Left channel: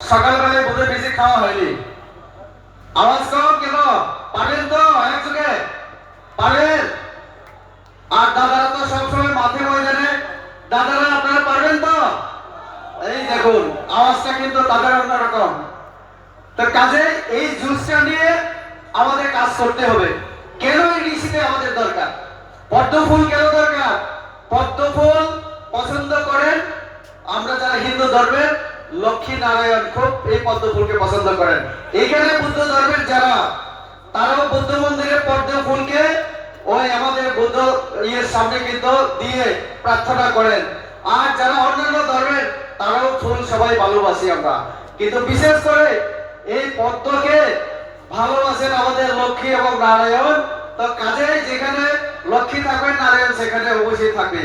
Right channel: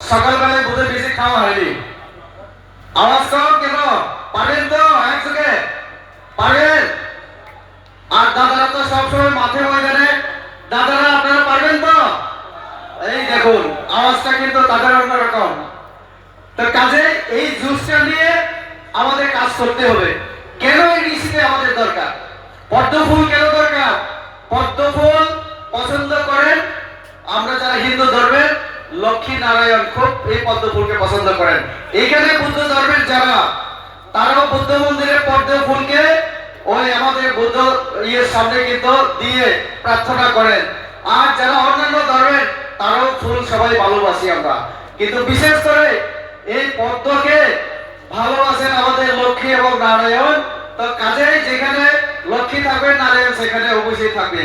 সকালবেলায় বোধ বেশি খাওয়া হয়নি। আওয়াজ কম কেন? পারেন তো একযোগে? পারেন? আর দাদারা তো সবসময় মাঠে ময়দানে। দাদারা আপনারা পারবেন তো? এই দেখুন আওয়াজটা কিন্তু তাদের অন্যরকম। তো কাজে এই জুসটা নিয়ে আমাদের কাজ করতে হবে। কেন এই ঋষিতে আমাদের দরকার? পদ্ম ফুল কেন দরকার? পদ্ম ফুল পছন্দ করেন আমরা যারা হিন্দু ধর্মের লক্ষ্মী নারায়ণ খুব এই পদ্ম ফুলকে পছন্দ করেন। এইখানে বুদ্ধ ধর্মের যারা তারাও বুদ্ধ মন্দিরে পদ্ম ফুলকে ওই আমাদের বুদ্ধ সামনে কিন্তু দিয়ে প্রার্থনা করেন। আর যারা অন্যান্য ধর্মের তারাও ফুল সবাই ভালোবাসি আমরা, কিন্তু বিশেষ করে এই পদ্মকে ভালোবাসেন আমাদের লক্ষ্মী এবং নারায়ণ। তো কাজেই যেখানে লক্ষ্মী থাকবে নারায়ণ সেখানে অবশ্যই থাকবে।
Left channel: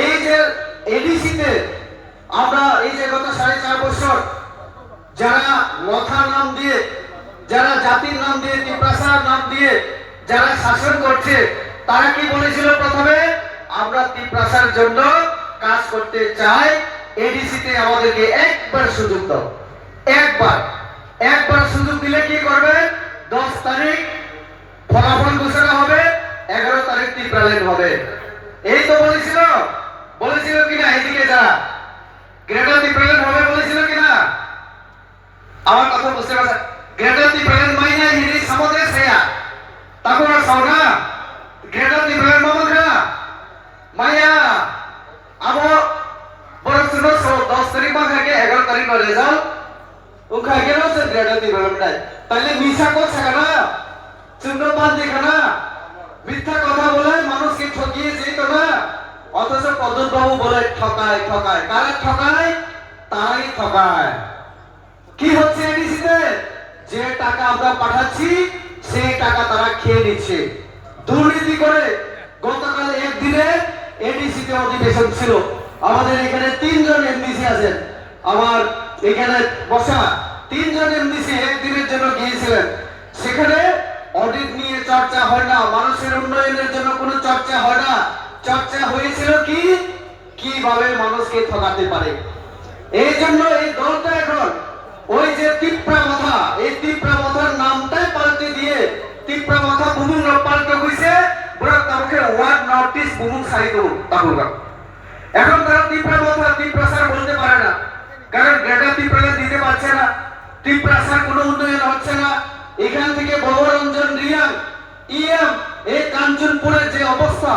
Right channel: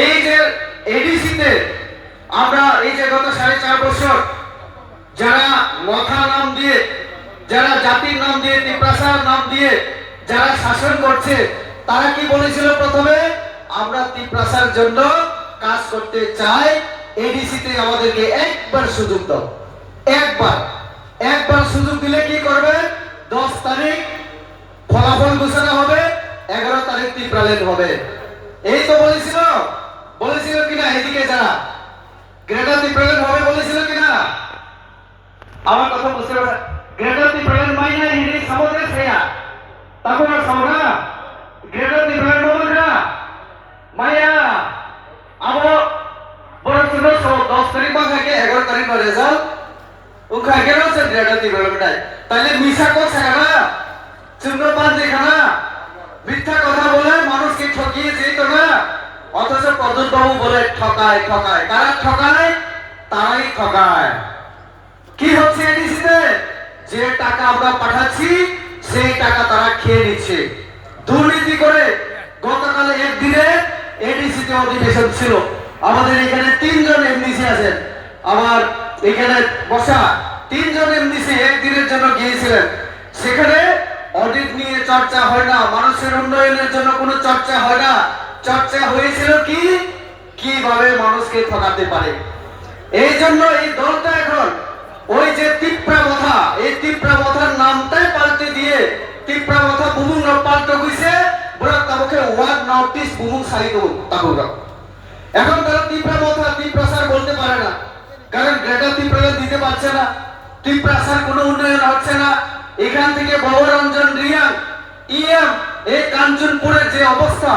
এই যে এডিসিতে আমরা এই যে গত 4.5 বছর যারা মথা নাম দিয়ে, যারা জাতির নাম দিয়ে, তিপ্রাসার নাম দিয়ে যারা শাসন করছে, তারা কি বলেছিল প্রথমে? আমরা তিপ্রাসার জন্য কাজ করতে চাই, এডিসিতে আমাদেরকে একবার সুযোগ দাও। একবার সুযোগ দিলে কি করবে? 10 তারিখ ফলাফল ঘোষণা হবে, 11 তারিখ তিপ্রালেন হবে। এই তো বলেছিল কিনা? এদিকে যারা গ্রেটার তিপ্রালেন হবে বলেছিল কিনা? আমার কথা বুঝতে পারছেন? গ্রেটার তিপ্রালেন মাইয়া হিনি সমুদ্রে সেয়া তখন সৌরা গ্রেটার তিপ্রালেন মামুনরা মাইয়া আবো বড় শুনো 10 তারিখ বাগাকে 11 তারিখ রেজাল্ট उनका गेलो से ग्रेटर डेवलपमेंट তাহলে মিছা কথা না, চুম্বমান দেখানা, মিথ্যা কথা বলে মানুষকে ঠকিয়ে যেত না। অথচ প্রদ্যুৎ বাবু বলে ঠকায়। কারা ঠকায়? তারাই ঠকায়। কি হচ্ছে এডিসিতে? যে টাকা আমরা পাঠাচ্ছি সেই টাকা তারা খেয়ে নিচ্ছে দুর্নীতি করে। গতকাল একদিনে এডিসিতে অধিবেশন ছিল, আমাদের এখানে 3 জন এমডিসি আছেন, আমার এখানে বসা 3 জন এমডিসি একদিনের জন্য গিয়েছিলেন। সেখানে অডিট নিয়ে চর্চা হয় না, মানুষের উন্নয়নের জন্য কোনো চর্চা হয় না। চর্চা হয়েছিল কিভাবে মানুষকে ঠকাতে পারে। এই জন্য এই দলটা এখন ওই যে তিপ্রাবথা, এই তিপ্রাবথার নামটাই পাল্টে দিয়ে তিপ্রাবথা বুমুং পাল্টে হইছে বড় কাউকে ওয়ার্ড নোটিস বুমুং সারি দেব তাকুরগা। এখন তারা তিপ্রাবথা তিপ্রাসার বলতে পারে না, কারণ গ্রেটার তিপ্রালে দিতে পারছে না। তিপ্রাসার কোনো উন্নয়ন হচ্ছে না। এখান থেকে ভবরঞ্জন রিয়াং ইএম এই কাঞ্চনপুরের যে অবস্থা,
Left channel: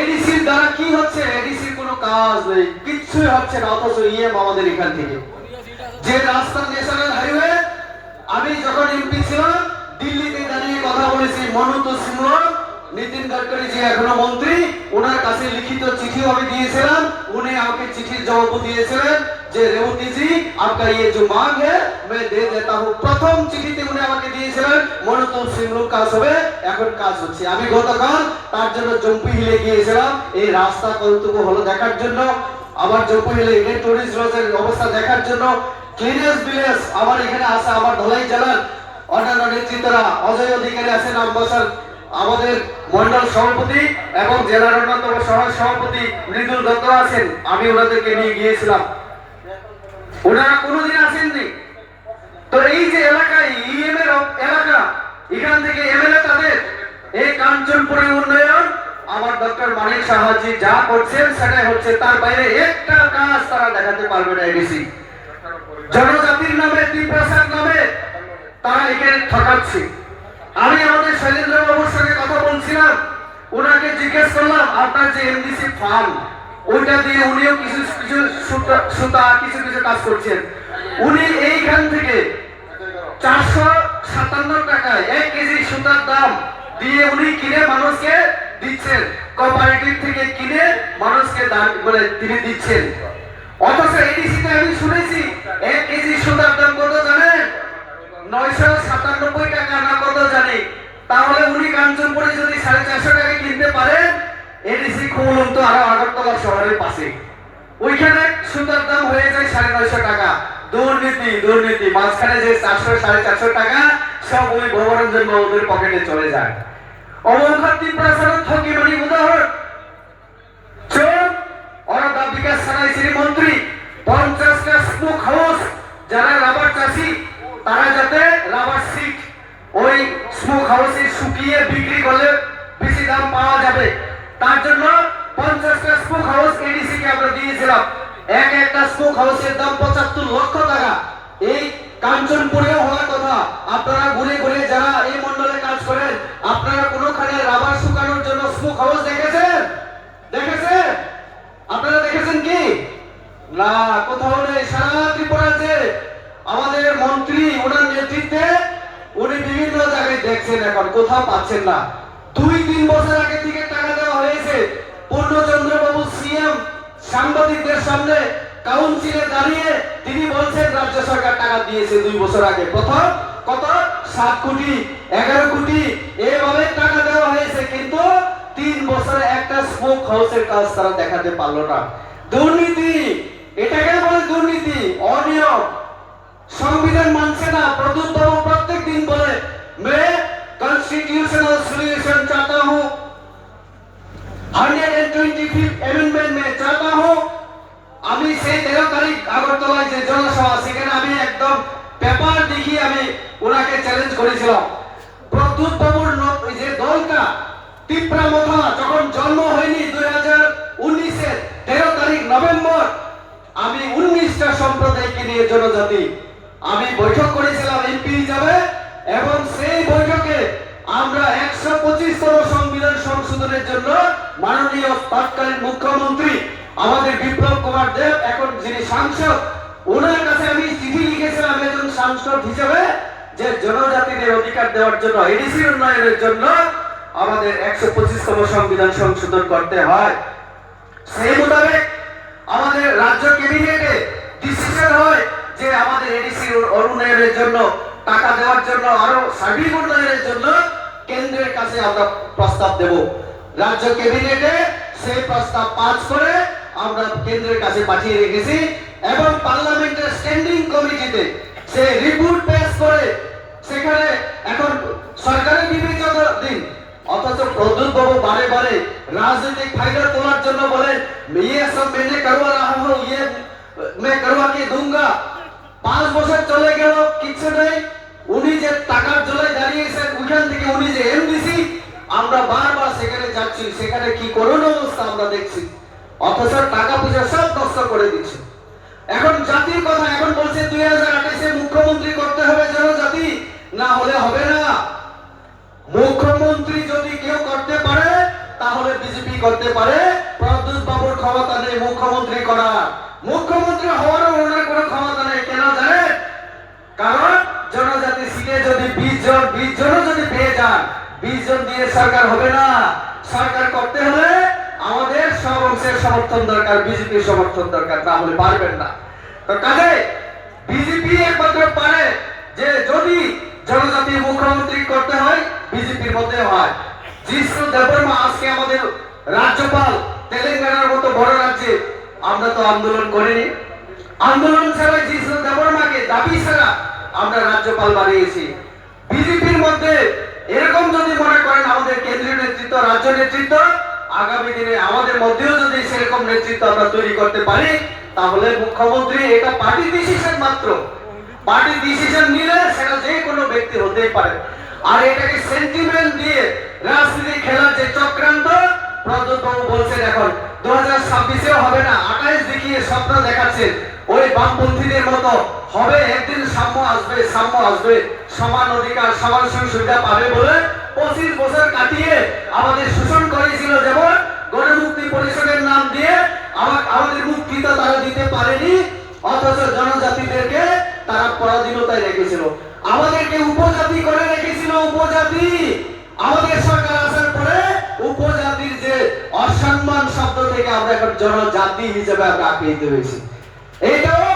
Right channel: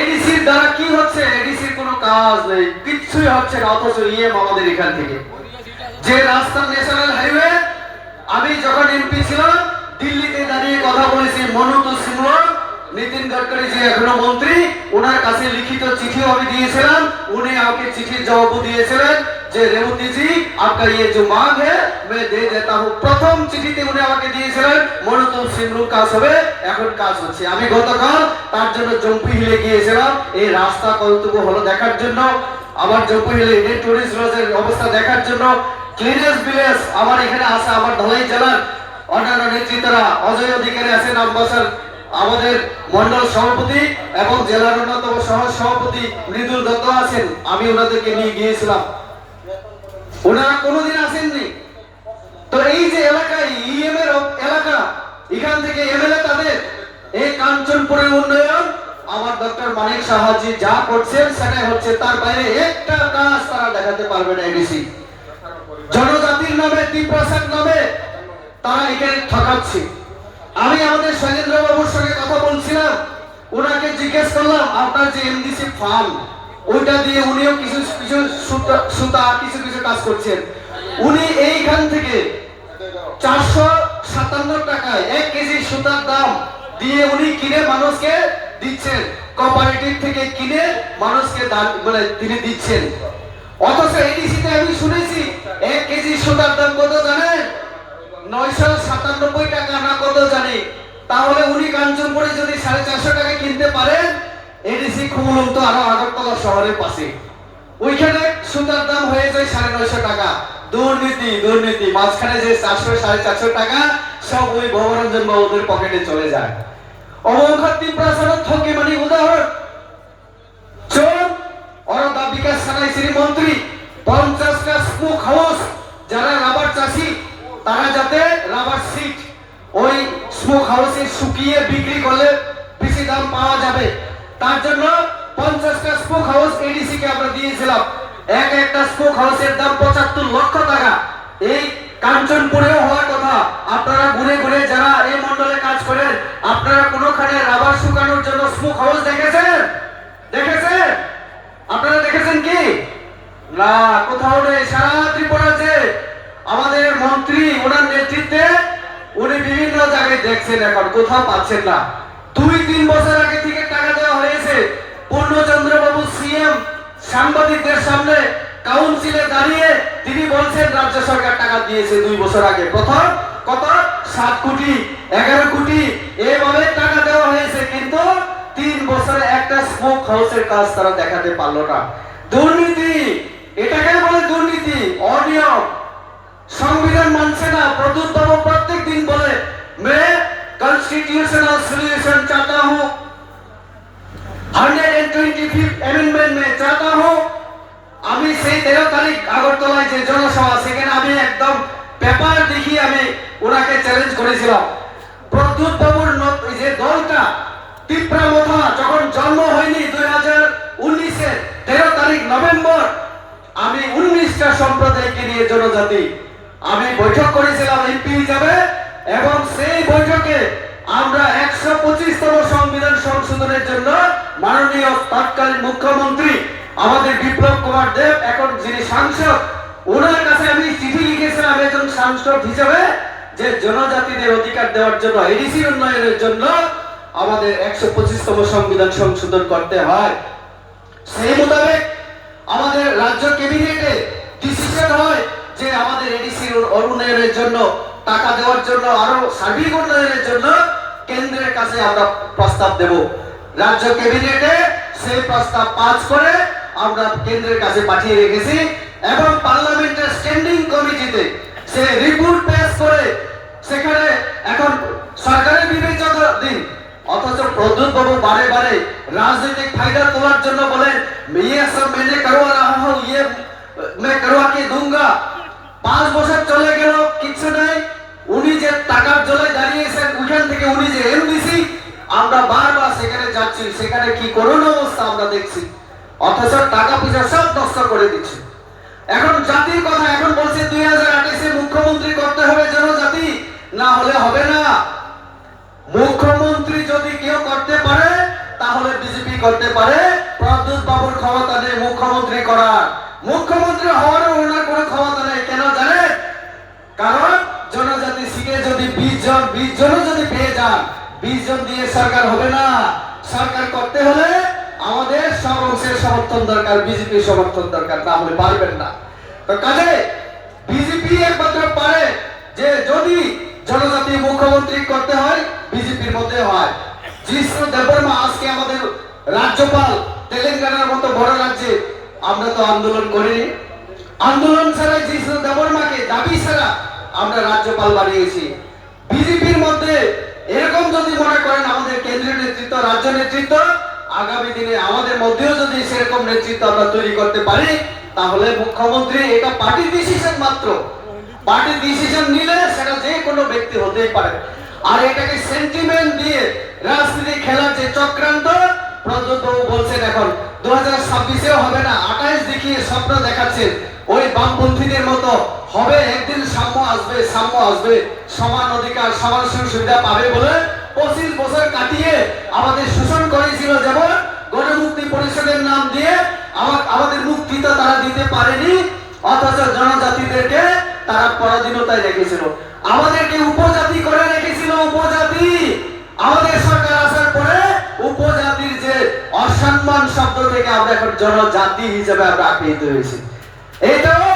এডিসির দ্বারা কি হচ্ছে? এডিসির কোনো কাজ নেই, কিচ্ছুই হচ্ছে না। অথচ ইএম আমাদের এখান থেকে যে রাস্তা ন্যাশনাল হাইওয়ে, আমি যখন এমপি ছিলাম দিল্লিতে দাঁড়িয়ে কথা বলেছি মনোজ সিংহ, নীতিন গডকরি যে এখনো মন্ত্রী, ওনার কাছে লিখিত চিঠি আমি দিয়েছিলাম। উনি আমাকে চিঠির জবাব দিয়েছিলেন যে রেবতী জি आपका ये जो मांग है मैं दे देता हूं। প্রথম চিঠিতে উনি আমাকে দিয়েছিলেন মনোজ সিংহ কাজ হবে, এখন কাজ হচ্ছে। আমি গতকাল তার জন্য জম্পি হিলে গিয়েছিলাম এই রাস্তা কতটুকু হলো দেখার জন্য। আবার জম্পি হিলে ইন্ডিয়ান টুরিস্ট লজের অবস্থা দেখার জন্য। ক্লিনেস ভিলেজ আমার এখানে আছে, আমার ধলাই জেলার অন্যান্য নেতৃত্বরা অজয় অধিকারী আছেন, আমবাসার আমাদের মন্ডল সভাপতি এবং জেলার অন্যতম সহ সভাপতি মৃদুল দত্ত আছেন। আমি ওনাদেরকে নিয়ে গিয়েছিলাম, ওনারা কোনোদিন আসেননি। তো এই যে এলাকায় ইএম এর এলাকা, এখান থেকে এমএলএ তাদের এই কাঞ্চনপুরের উন্নয়ন আমার ডক্টর মানিক সাহাজি যা করছেন সেটাই হচ্ছে, তার বাইরে একটা কাজ তারা দেখাতে পারবে না। এডিসি জনজাতির নামে তিপ্রাসার নামে তারা এখানে ঠকাচ্ছে। আমি আমাদের শৈলেন্দ্র বাবুর সঙ্গে কথা বলছিলাম, ওনাকে জিজ্ঞেস করলাম আপনার যে এমডিসি ফান্ড ওইটা দিয়ে উনিও কিছু সুতা কিছু কাজ করছেন। উনি এইখান থেকে 457 টাকায় 1 কেজি সুতার দাম দিয়ে উনি কিনে মানুষকে দিচ্ছেন, কোঅপারেটিভ থেকে কিনে মানুষকে দাম বলে তিনি দিচ্ছেন। অথচ এডিসিতে আমি শুনেছি 1 কেজি সুতার দাম কত জানেন? 997 টাকা না কত জানি। তাহলে উনি কাঞ্চনপুরে যদি 450 টাকা কিনতে পারেন, এডিসি খুলুন তো আরো আগরতলা শহরের পাশে, ওইখানে সুতার দাম হয়ে যায় 950 টাকা। দুর্নীতি মাঝখানে যে 400 450 টাকা সব ওই ভবরঞ্জন বাবুদের পকেটে চলে যায়। অমরনাথ তিপ্রাসার ঠকি মানে উদাহরণ চোর ওরা দাবিকা সানাই শ্রী মন্ত্রী 50 টা স্মোক হাউস যারা রাবার চাষি তারা যাতে রাবার সিট ওই স্মোক হাউসে শুকিয়ে বিক্রি করলে বেশি দাম পাওয়া যাবে, তার জন্য 50টা স্মোক হাউস এডিসি কে আমরা দিয়েছিলাম। একটা স্মোক হাউসের দাম 75 লক্ষ টাকা। এই কাঞ্চনপুরেও হওয়ার কথা। আপনারা ঘুরে ঘুরে যারা এই মন্ডলে কাজ করেন, আপনারা কোনোখানে রাবার শুকানোর জন্য স্মোক হাউস দেখেছেন? দেখেছেন? আপনারা দেখেছেন কি? না, কোথাও নেই। সারা ত্রিপুরাতে আমাদের মন্ত্রী ওনার নেতৃত্বে উনি বিভিন্ন জায়গায় দেখছেন, এখন কোথাও পাচ্ছেন না। 2-3 বছর আগে থেকে টাকা দেওয়া হয়েছে। পূর্ণচন্দ্র বাবু সিএম সাংবাদিকদের সামনে কাউন্সিলে দাঁড়িয়ে তিনি বলছেন রাজ্য সরকার টাকা দিয়েছে 2 বছর আগে। প্রথম কত 7 কোটি 11 কোটি এভাবে টাকা দেওয়া হয়েছে, কিন্তু 3 বছরে একটা স্মোক হাউসের কাজ তারা দেখাতে পারলো না। দুর্নীতি, এটাকে বলে দুর্নীতি, অনিয়ম। সংবিধান মানছে না। প্রদ্যুৎ বাবু প্রত্যেক দিন বলে मैं कॉन्स्टिट्यूशनल सॉल्यूशन चाहता हूं, 125th अमेंडमेंट में चाहता हूं। আমি সেই 13 তারিখ আগরতলায় যে জনসভা, সেখানে আমি একদম পেপার দেখিয়ে আমি ওনাকে চ্যালেঞ্জ করেছিলাম। প্রদ্যুৎ বাবুর যে দলটা তীব্রামথা যখন জন্ম হয়নি 2019-এর 13 তারিখ নভেম্বর, আমি 19টা সম্প্রদায়কে নিয়ে জনজাতি আমি বৈঠক করেছিলাম এমপি হিসাবে, এবং সেই বৈঠকে আমরা 125তম সংবিধান সংশোধনের জন্য মাননীয় তৎকালীন মুখ্যমন্ত্রী আমাদের বিপ্লব কুমার দেব, এখন যিনি সাংসদ, ওনার কাছে আমি চিঠি লিখেছিলাম একজন সাংসদ হিসেবে, যে জনজাতিদের অধিকার দেওয়ার জন্য, এডিসি উন্নয়নের জন্য আমাদের 125তম সংবিধান সংশোধন করতে হয়। সেই মোতাবেক আমাদের রাজ্য ক্যাবিনেটে ডিসিশন হয় যে আমাদের এডিসি উন্নয়নের জন্য টাকা দেওয়ার জন্য, আরো সার্বিক উন্নয়নের জন্য কেন্দ্রের কাছে আমরা প্রস্তাব দেব। রাজ্য ক্যাবিনেটে সেই প্রস্তাব পাস করে আমরা কেন্দ্রের কাছে পাঠিয়ে রেখেছি, এবং পার্লামেন্টের স্ট্যান্ডিং কমিটিতে সে রিপোর্ট পেশ করে সেখানে এখন সরকারের বিবেচনাধীন। অথচ প্রদ্যুৎ বাবু বারে বারে রাজনৈতিক ফায়দা তোলার জন্য বলেন ये सब मैंने करवा रहा हूं, ये मैं करवा के दूंगा। 5 বছর চলে গেল, কিছু নেই। উনি যে টাকার জলে দাঁড়িয়েছেন, ওখান থেকে উনি যে এমডিসি, আমরা বারবার সেখানে যাচ্ছি, সেখানে কি করুণ অবস্থা আমরা দেখছি। অথচ টাকা পয়সা সব নষ্ট করে দিচ্ছে। এখন জাতির কথা এখন বলছে 2028-এ মুখ্যমন্ত্রী করতে হবে জনজাতি, না হলে হবে না। মুখ্যমন্ত্রী যদি কেউ করতে পারে তাহলে বিজেপি করতে পারে। প্রদ্যুৎ বাবুর ক্ষমতা নেই মুখ্যমন্ত্রী করার। মুখ্যমন্ত্রী হওয়ার ওনার কোনো ক্ষমতা নেই। কেন জানেন? কারণ জনজাতি সিটে যদি 20 জন যদি পেয়ে যান, 20 জন দিয়ে সরকার হবে না। সরকার করতে হলে আমাদের সব অংশের সমর্থন দরকার, বিজেপির সমর্থন দরকার, না হলে পারবেন না। তো কাজে বিজেপি একমাত্র পারে যে যদি জনজাতি মুখ্যমন্ত্রী করতে হয়, বিজেপির মধ্যে হয়। জিষ্ণু দেববর্মা আজকে আমাদের রাজ্যপাল, তেলেঙ্গানার মতো বড় রাজ্যে আমরা তো আন্দোলন করিনি। আন্দোলন ছাড়াই জিষ্ণু দেববর্মাকে দাবি ছাড়া আমরা রাজ্যপাল বানিয়েছি। বিজেপির মধ্যে এরকম যদি মনে করেন আমাদের কেন্দ্রীয় নেতৃত্ব, রাজ্য নেতৃত্ব, আগামী দিনে আমাদের মধ্যেও যদি সেরকম নেতৃত্ব আমরা তৈরি করতে পারি, তাহলে মুখ্যমন্ত্রী এটা পার্টি ডিসিশন মাত্র। পার্টি ডিসিশন নিলে সেটা যে কোনো ব্যক্তি হতেই পারে। আর এটাকে সেন্টিমেন্ট দিয়ে রাজনীতি খেলার যে চক্রান্ত প্রদ্যুৎ বাবু বলছেন এখন 2026-এও হবে না, 28 দেখিয়ে স্বপ্ন দেখাচ্ছেন। ওই বামপন্থীদের মতো হবে, একদিন সাম্য আসবে, সাম্য আসবে, সমান অধিকার সমান সুবিধা পাবে বলে 25 বছর কাটিয়ে আমাদের শোষণ করেছিল। যেমন গণমুক্তি পরিষদের নাম দিয়ে আমাদের মুক্তি তো তারা দিতে পারেনি, অথচ জনজাতিদেরকে তারা পরাধীনতায় রেখেছিল। আমাদেরকে উপজাতি করে রেখেছিল, উপজাতি। আমাদের সরকার আসার পরে উপজাতির যে অসম্মান শব্দ থেকে আমরা এখন জনজাতি হিসেবে আমরা আখ্যায়িত হয়েছি। এটাও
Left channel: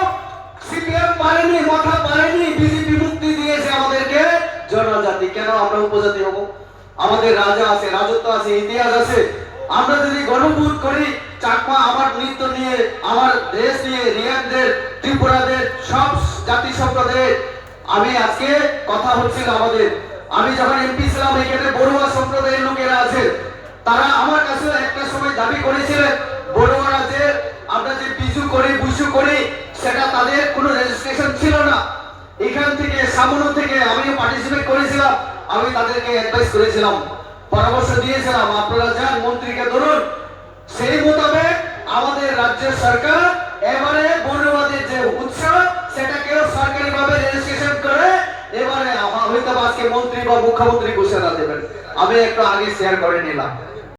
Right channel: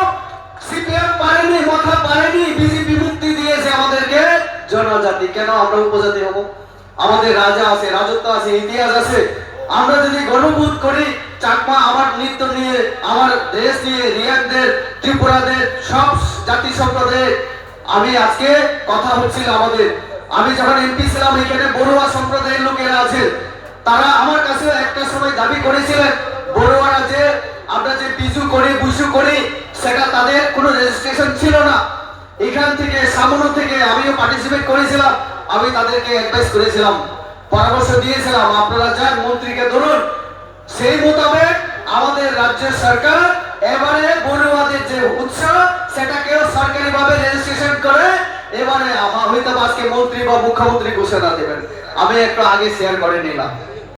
সিপিএম পারেনি, মাথা পারেনি। বিজেপি মুক্তি দিয়েছে আমাদেরকে জনজাতি। কেন আমরা উপজাতি হব? আমাদের রাজা আছে, রাজত্ব আছে, ইতিহাস আছে। আমরা যদি গর্ববোধ করি চাকমা আমার নৃত্য নিয়ে, আমার দেশ নিয়ে, রিয়াকদের, ত্রিপুরাদের, সব জাতি সম্প্রদায়ের, আমি আজকে কথা হচ্ছিল আমাদের, আমি যখন এমপি ছিলাম এখানে বড়ুয়া সম্প্রদায়ের লোকেরা আছে, তারা আমার কাছে একটা সময় দাবি করেছিলেন বড়ুয়ারা যে আমরা যে বিজু করি, বুসু করি, সেটা তাদের কোনো রেজিস্ট্রেশন ছিল না। এখান থেকে সামনে থেকে আমিও পার্টিসিপেট করেছিলাম, আমি তাদেরকে অ্যাডভাইস করেছিলাম, পরামর্শ দিয়েছিলাম, আপনারা যান মন্ত্রীকে ধরুন। সেই মোতাবেক আমাদের রাজ্য সরকার এবারে বড়ুয়াদের যে উৎসাহ সেটাকেও সরকারিভাবে রেজিস্ট্রেশন করে এবারে হয়তো আজকে মন্ত্রী বা মুখ্যমন্ত্রী ঘোষণা দেবেন। আমি একটু আগে শেয়ার করে নিলাম।